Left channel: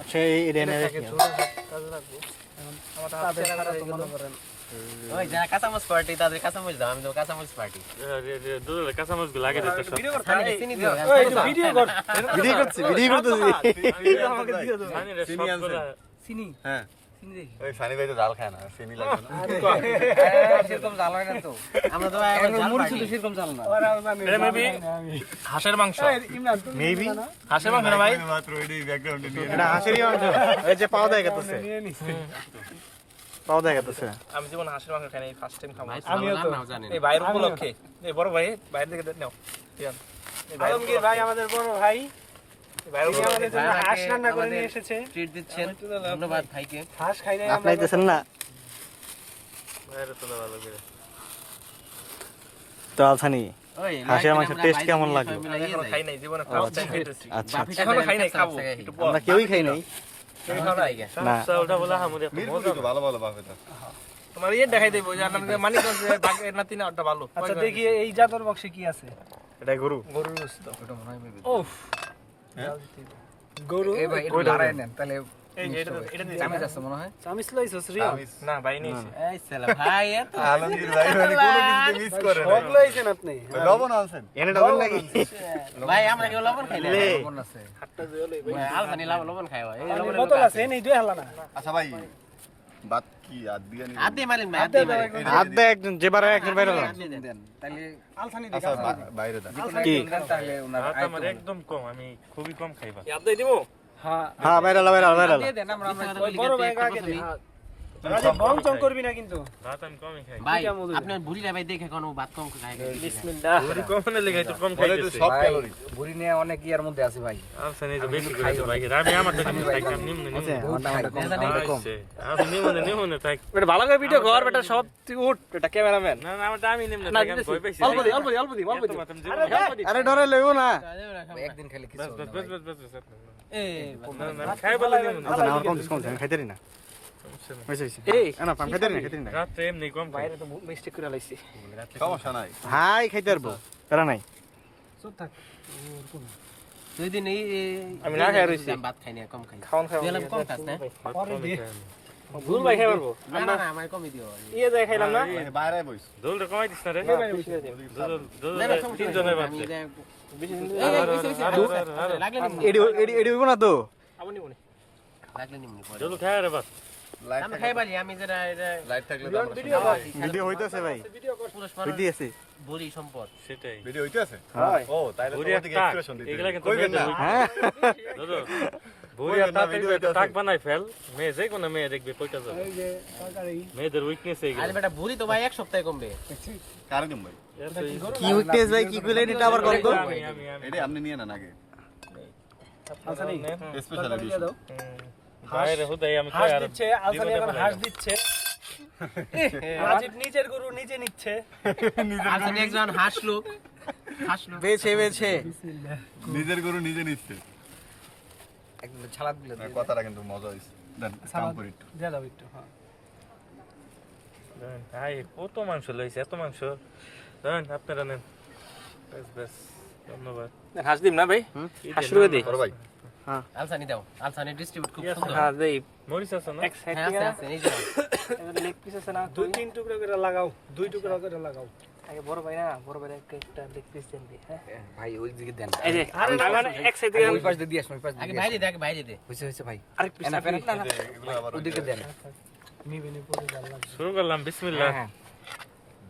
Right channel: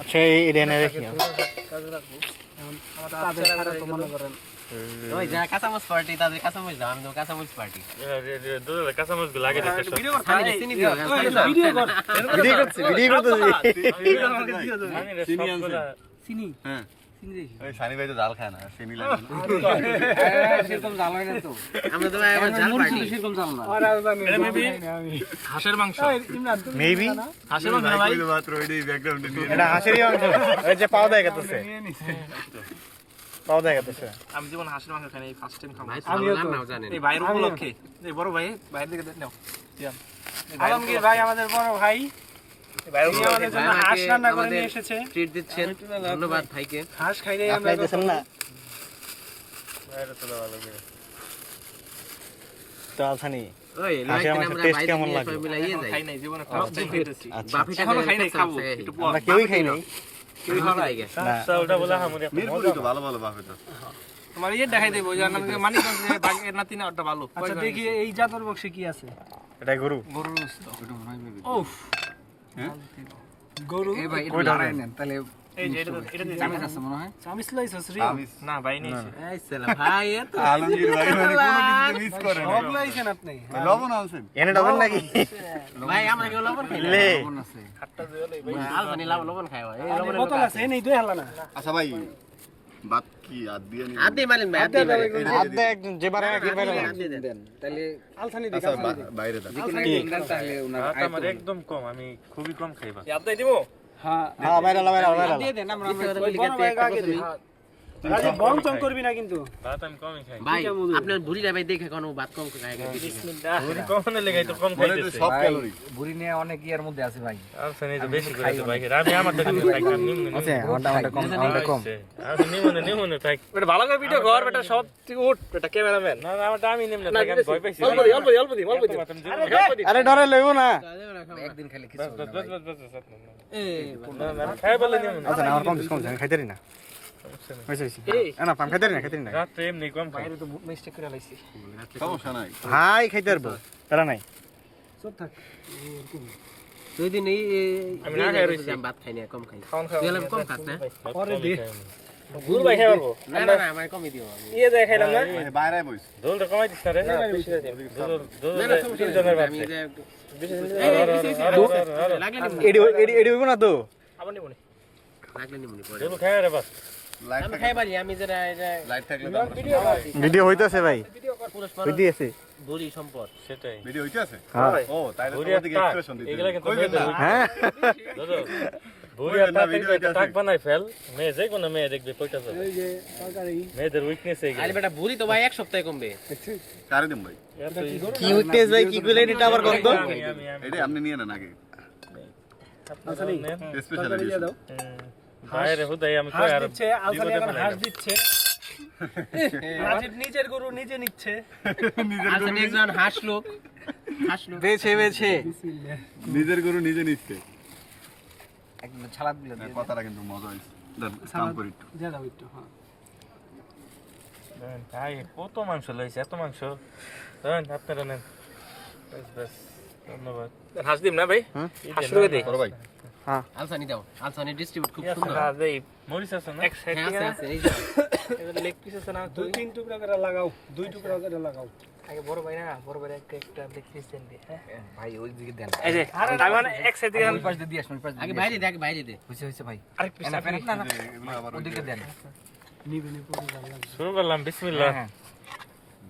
আচ্ছা এই রেনে রেখে ওই যারা কাঁচামচ পার্টি তাদের কাঁচামচ দাও, আমি তো কাঁচামচ পার্টি। দুধ কাঁচামচ লাগে দিতে সব ভিডিও করছি জানি রে সবগুলা চিনি হ্যাঁ চিনি দেখি ওই সানি ভাই তো জাল খায় না চিনি লাগবে না সেরকম জাল হয় না তো আমরা তো ভাই আবার জাল পার্টি। সেরকম জাল না এটা মেবি হাঁসের মাংস মেবি হাঁসের মাংস ভাই মাত্র ওইটাই ব্যাকগ্রাউন্ডে নিয়ে এটা হাঁসেরই মাংস এই যে পাও দেয় গেছে পাও দেয় গেছে আমি জীবন হাঁসের মাংস খাই নাই ফার্স্ট টাইম খাবো ভাই ভালো রান্নাও জানেন। এই বাইরের উপলক্ষে এই বড় ভাই বাইরে থেকে নাও আলমগীর ভাই আমাদের বড় ভাই বাইরের তিনি আমাদের জন্য ভাই হাঁস রান্না করে আমাদের নিয়ে এসেছে ট্রিট দিচ্ছেন, ধন্যবাদ ভাইকে। হাঁস খাই নাই আপনি দিতেছেন না বাইরে তো ভালো করে তো আলসানি ওই হাঁসের মাংসের taste কেমন লাগে? এখনো খাই নাই জীবনে ফার্স্ট টাইম খাইতেছি আচ্ছা বাপিটা এখনো খাই নাই খাবো একটু পর আমরা কেউই খাই নাই কেউ খাওয়া লাগে না ওটা বলে হামুরি একটা মিরপুরে মজা তো ভালো ভালো বাপে তো তোমার ইয়ে দেখাই দেবো যে আমাদের মানিকগঞ্জে বাগের নাতি না ওটা ভালো আচ্ছা দেখি এই জাতর বক্সে কি আছে এটা গরু গরুর গোশত ও হ্যাঁ গরু এই ভাই কয়টা দাঁড়ায় নেন তাহলে এই যে এটা চামচ আছে মনে হয় চামিস লইছস রে না ভাই নেই এই সালা ভাই এত আলমগীর ভাই মানে কোনো কিছু মিস করে না সব লইছেন আপনি ভাই লবণ আনছেন এনে ডবেন নাকি ভাই আমরা কেউ লবণ খাই না। লে মন আছে আলফানি লবণ খাই হয়। এই পানির লবণের বোতল লোক আছে নেই দুই হালা না আচ্ছা ভাই বাত কি আদ দিয়ে নি আদি মালিন ভাই আদি মালিন হাত দেয় একজন যে বারে একজন বাইরে হলো। দেন তাহলে আলথানি দিক আচ্ছা বাইরে দাও কি তাহলে ওনার ভাত আমার একদম কম আমি খুবই কম খাইবা ইয়াদ দেই দিমু হ্যাঁ হ্যাঁ বাইরে হলো দিয়ে দেন আমরা ওই বড় ভাই আগে দি আরে বং চং করবি না কিন্তু ভাত আমি কমই খাই ভাই আপনার বুড়িরা ভাই দেখে কোনো ভাত কম খায় না। গরু কম না লেগাই তো কম খাইতেছে সব ক্যালোরি বুড়ি নিয়ে অনেক ইয়ার মধ্যে আছে ভাই আচ্ছা নেই তো বেশি করে তো ভাই আমি আমার তো নিমনে থাকি আমি নিমনে আছে আমারটা কম আমারটা কম আমি নিমনে থাকি এটা ভালো করে ভিডিও কর বেটা সব থেকে উঠ এটা ক্যামেরাম্যান না না আমারটা আমি নিমনে থাকি আমি ভয় পাইছি অল্প দি আরে ডরে লইবো না একদিন খালি কিছু বাস বাস বাস বাস বাস এই না না আমি খাই বলে নিমনে আচ্ছা না আমার কম কম আমি খাইতে না হইছে হইছে না পাম খাইতে না রাতে এমনি কম খাই বাইরে তো মিস্টেক করে লাইছি সমস্যা নাই হাই খাইতে পারবো তারা নাই সব থাক দুই দিন এই আমি না খাই রইছি। ভাত খাই না, কম খাই। খাওন খাই তুই এলাম কম খাস না? পরে দি দূর ভাই খাই পারবো না না না আমার কমই দিও। ইয়ে দেখ খাইলাম না মানে বাইরে বইস দোলটা কমাই দিস না রে দোল না না সমস্যা তিন জনের নাই। আমি বাচ্চা যে- লাগলে নিমুনি। এডি হইবো না তো আবার নিমনে লাগলে নিমুনি পরে। দোল খাই রে বাস লাইট আমি খাই পারি, আমি যেটা এটা লাইট থাকলে তো আমরা ভিডিও কর ভিডিও হইতাছে ভাই পুরস্কার হইতে আছে বুড়ি সম্পদ। সেটাই ভিডিও হইতে আছে হ্যাঁ ও তাইলে ভুরি তোমার দিকে টাক এক্সপ্রেশন দিতে এগুলা কিন্তু কইবেন মেয়েদের না। হ্যাঁ দাদা ভুরি টাক বানাই ফেল মেয়ে যে কোনো মেয়ে দেখবে কইটা যাবে এই যে সরকারি মেয়েদের উইকনেস আরে এইগুলো বেটা বুড়ি তো ভাই এক সপ্তাহে কমবে। কারে দিম ভাই কি উইকনেস ভাই কি কইলেন এটা আবার কম তো আমি এটা আপনি নিয়ে নেন আগে আপনারা নেন। স্পেশাল দিয়ে এডিশন দাও বাইরে হুদাই আমি কই হাঁস আর দিচ্ছে আলফানি এখন হাঁস দিচ্ছে রাজীব নিজের গরু নিজে নিচ্ছে আচ্ছা একজন হাসলো হাসলো বেছে বেছে নিজের গরু নিজে নিচ্ছে একদম ছালাদ দিলে কথাটা কিন্তু মজা হইছে দেন কাম করি একটু। দিয়ে দাও একটু হ্যাঁ দেন ভাই কত মাংস লইছে এত মাংস দেন আপনারা নেন বেশ বেশ ধন্যবাদ হাঁস দিম না ভাই হাঁস রয়ে দেই বড় ভাই আলসানি দাও, আলসানি ডিস্ট্রিবিউট খুব সুন্দর। হাঁস দেই মরিস আছে না এক সাইড হ্যাঁ থেকে আছে আছে, এই যে লেগ পিস আছে না দুই তিন টুকরা করে লাগাও দুই টুকরা করে লাগাও আগে বড় ভাই না বড় ভাই একটা লেগ পিস দেন দি হ্যাঁ ভাই ওই দিকে দেন এই যে আগে না এক সাইড থেকে ওই পাশ দিয়ে আসুন ওই পাশ আগে দিয়ে বাইরে দে, আগে বাইরে দে। হইছে হইছে ভাই আরেক পিস এনা ফেন না ওদিকে দেন নিবেনে পড়ে যাবে শুরু করলাম বিসমিল্লাহ হ্যাঁ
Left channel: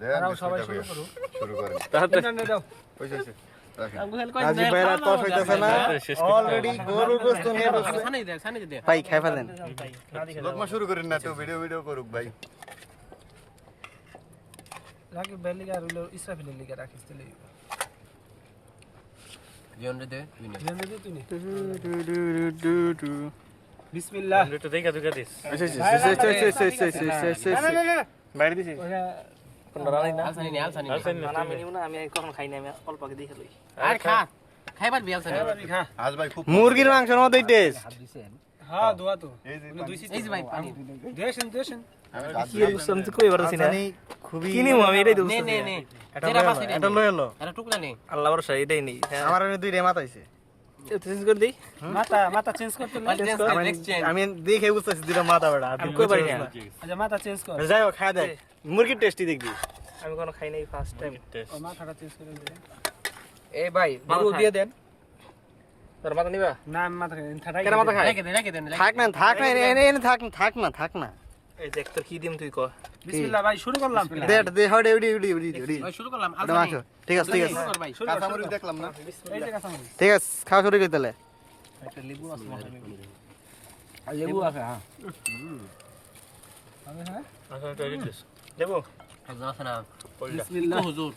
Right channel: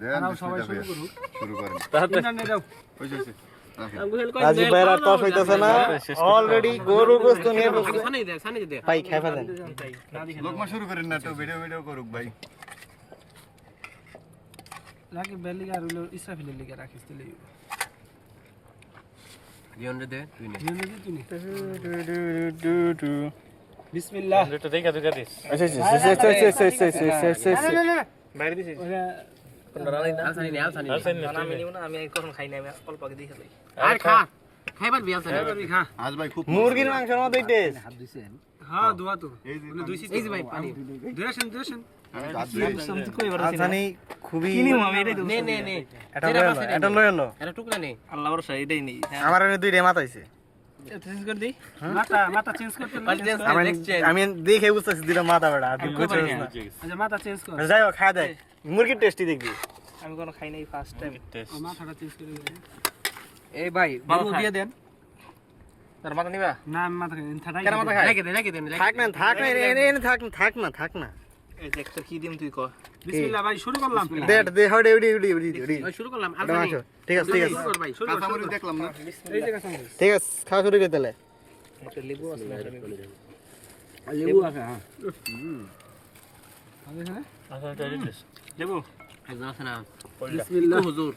দেন সবাই বিসমিল্লাহ শুরু ভাইয়া। করুক শুরু করেন তাড়াতাড়ি না দাও হইছে হইছে রাখেন রাজীব ভাইরা টস হইতাছে না অলরেডি গরু গোস্ত নিয়ে বসছে সানি দে, সানি দে। ভাই খাই ফেলেন লোকমা শুরু করেন না তো ভিডিও ভিডিও করুক ভাই রাকিব বেলিগা আর হলো ইসরাফিলের লিগা রাখিস তুই বিয়ন্ড দে, তুই নে। জেনে দি তুই টু বিসমিল্লাহ একটু দেখা দেখা দিস বাইরে দিছি আলসানি নে, আলসানি নে। আছেন না না আমি নিব না আমি কখন খাই না আমি অল্প আগে দেখে যাই আরে খা, খাইবার বি আলসানি। খা আজ ভাই খুব মুরগির মাংসের মতোই টেস্ট হাত দিছেন হ্যাঁ দোয়া তো এই যে বলে দুইছি এই যে ভাই পানি। দেশেন আমি হাত দিয়ে আমি তো কই পারছি না আসানি খুবই কি নিব আমি এটাই তো নে নে নে। এটা লয়ে এলো এটা টুকরা নে। আল্লাহ ভরসা এটাই নেই আমার এনে দুই রেমাত হইছে চেঞ্জ করে দেই মাথা চেঞ্জ করতে আমি দেখে বুঝতেছি দুটো মাথা বেড়া আর তুই বুঝছিস না আচ্ছা মাথা চেঞ্জ কর যাই হোক খায় দেখ মুরগির টেস্টি দেখবি আমি কোনো খাই নাই ফার্স্ট টাইম টেস্ট মাথাটা চেঞ্জ করে দিই এই ভাই বাবু দিয়ে দেন তোর মাথা নিবা না আমি মাথা খাই কেন মাথা খায় রেখে দেন থাক না এনে থাক না এই দেখ তো কি দিম তুই কো বিসমিল্লাহ ভাই শুরু করলাম দে হড়ে উড়ি শুরু করলাম এটা মাখো ঠিক আছে শুরু কর ভাই কাঁচামরিচ দেখলাম না এই জায়গা শুনুন ঠিক আছে খাওয়া শুরু করে দিলে লেবু আছে হ্যাঁ আচ্ছা এটা টেস্ট দেবো একদম আছে না বিসমিল্লাহ হুজুর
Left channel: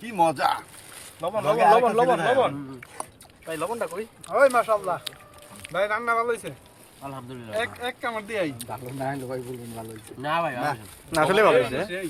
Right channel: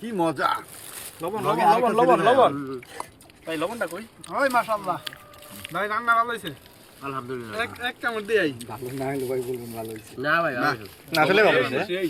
কি মজা লবণ ভাই লবণটা কই ওই মাশাআল্লাহ ভাই রান্না ভালো হইছে আলহামদুলিল্লাহ এক কামড় দিই ভালো না হলে ভাই বলবেন ভালো হয়েছে না ভাই না আসলে ভালো হইছে এই